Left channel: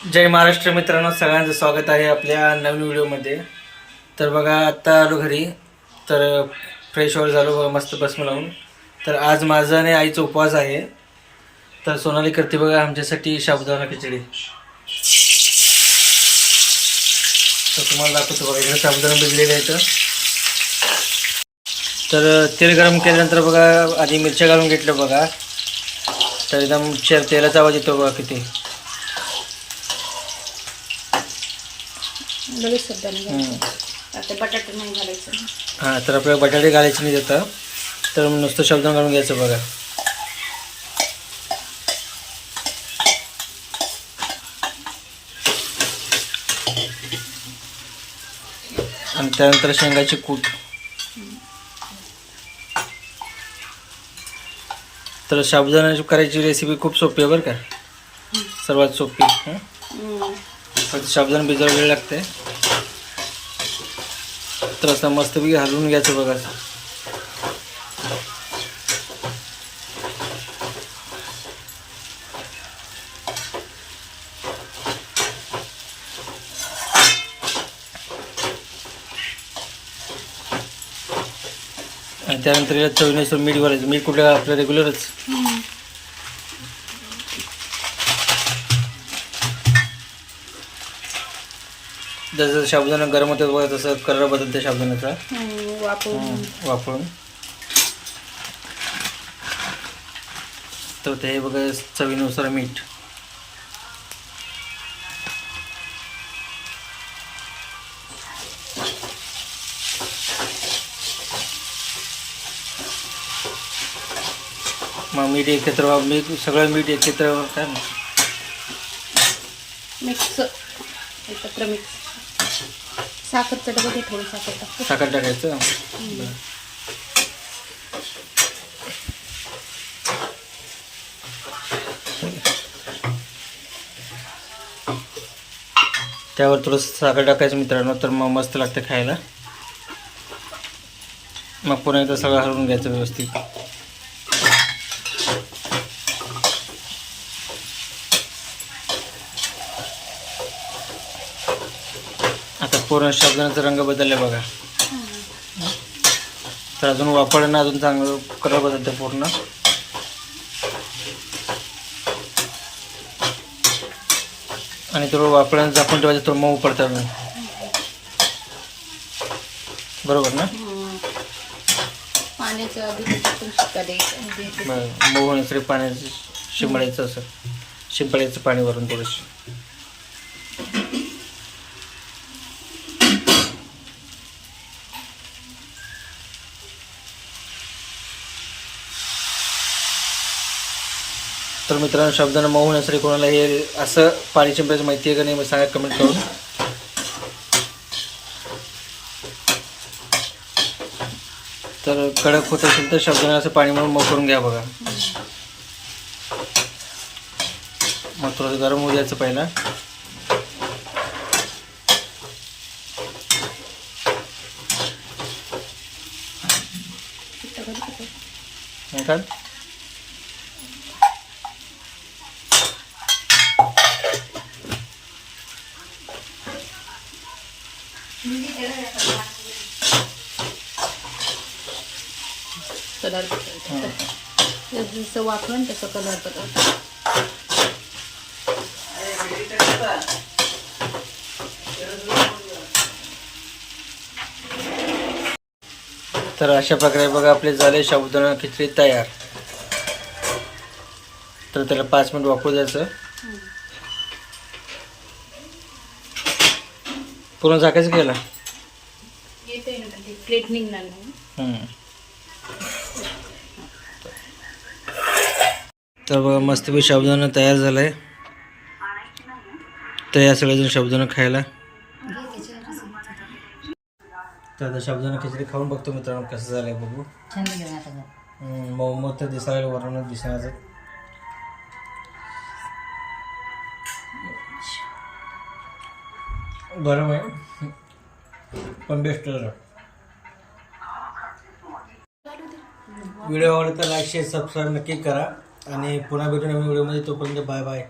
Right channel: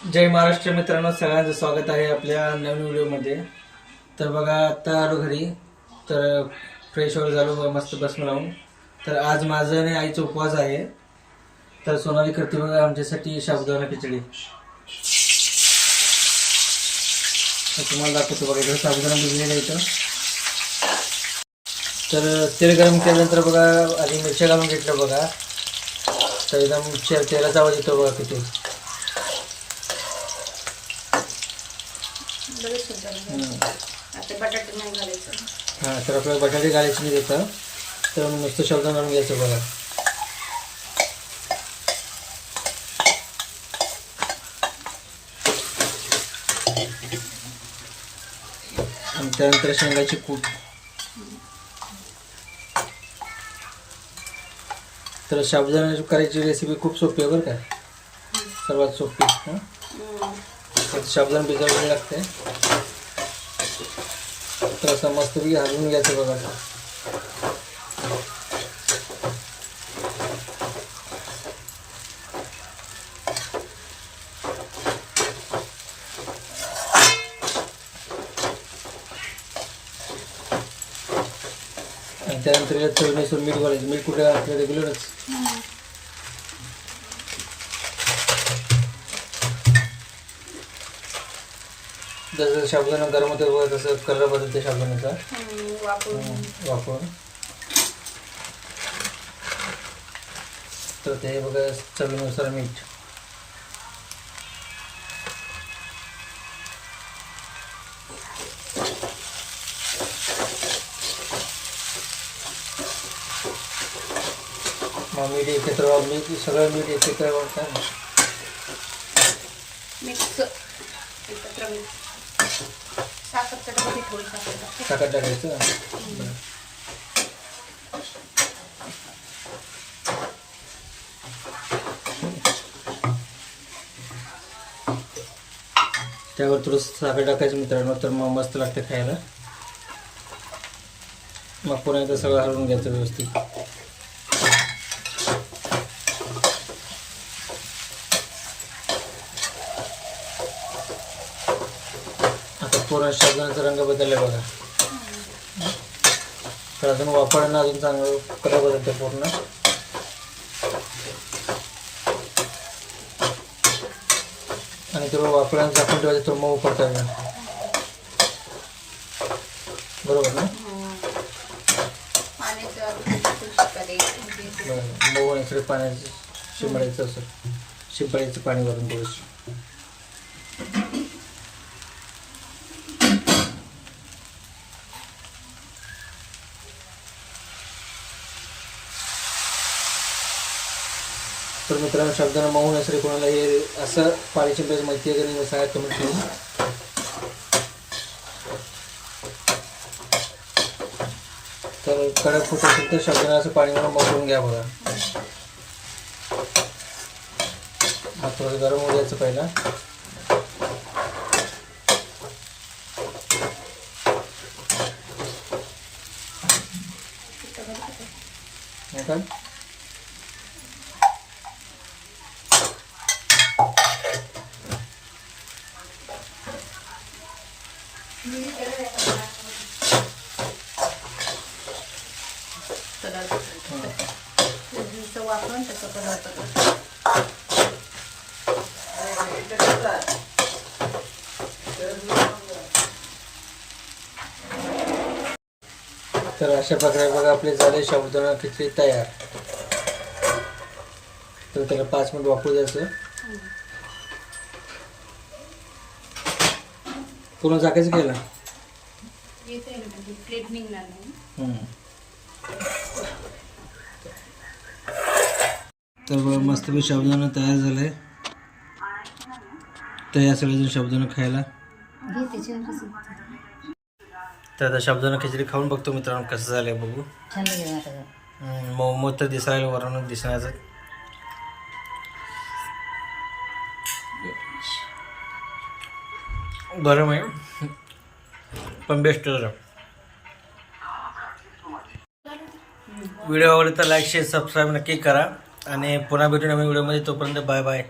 जय महाराष्ट्र मित्रांनो, सगळ्यांचं स्वागत आहे आपल्या नवीन व्हिडिओमध्ये. तर बघा, आत्ता आलो घरी. तर फ्रेश वगैरे झालो बघा, मस्त भस्म लावून. तर आज माझा आणि आईचा उपवास आहे. तर सोनाली करते बघा आमच्यासाठी साबुदाणा खिचडी. तर तुम्हाला दाखवतो बघा, इकडे साबुदाणा भिजलेला आहे. तर तेल गरम केल्यानंतर बघा आधी मिरच्या घालून घेतलं बघा. तर एकदम तेलाचा आवाज येतो बघा किती. बटाटे नाही घालायचं. हां, तर आपल्याला बटाटे घालायचे नाही देतं. तर नुसतं साबुदाणा घालून घ्यायचं बघा. आणि त्यानंतर शेंगाची कूट. तर साबुदाणा करायची रेसिपी खूप सोपी आहे बरं का, सर्वात सोपी. फक्त साबुदाणा भिजायला वेळ लागते. तर असं मस्तपैकी हलवून घ्यायचं बघा. आणि त्यानंतर याला चवीनुसार मीठ घालायचं. मीठ कुठे आपलं रेग्युलरच. जसं साबुदाणा गरम होतं बघा, तसं कलर बदलते साबुदाण्याचा वापरून. तर ते बघा चवीनुसार मीठ. मग मीठ एकत्र, सगळं मीठ एकत्र काय मिक्स, एकत्र मिक्स. साखर थोडी साखर टाकायचं. त्यावर थोडंसं साखर टाकायचं मित्रांनो, तर मग मस्त लागतं खायला. मग पुन्हा एकदा सगळं हलवून घ्यायचं व्यवस्थित. आता पूर्ण साबुदाण्याचा रंग बदलला बघा. तर अजून वापरणं अजून चांगलं कलर बदलतं पूर्ण. आणि थोडं वापरायला झाकून ठेवायचं, थोडं मऊ पडतं बरोबर ना. मऊ होण्यासाठी पाण्याचं शिंपडायचं, असं शिंपडायचं पाणी वरून थोडंसं. तर मित्रांनो, साबुदाणा मऊ होण्यासाठी कोणाला हे असं पाणी शिंपडायचं माहिती आहे का नाही, मी सांगा कमेंट करून. तर कडक होत असेल तर साबुदाणा असं पाणी म्हणून मऊ करून घ्या बघा. मग थोडंसं गरम होऊ द्यायचं पहिला. काय जसं वापरून तसं कलर तर अशा प्रकारे बघा आपले झाले साबुदाणा खिचडी तयार. तर त्याला 5 मिनिट वापरू द्यायचं. पूर्ण झाकायचं घ्यायला. प्लेट निघणार नाही. तर बघा मस्तपैकी साबुदाणा तयार झाला आहे. तर या सगळेजण साबुदाणा खायला. तर आता साबुदाणा खिचडी खाऊन बघतो मित्रांनो कसं झालं आहे बघू. मऊ मऊ तर दिसायला, वरून दिसण्याचं. गरम आहे पण बेस्ट झालं. व्हिडिओ आवडला तर लाईक शेअर सबस्क्राईब नक्की करा. आणि पुन्हा भेटू नवीन व्हिडिओमध्ये. तोपर्यंत बाय बाय.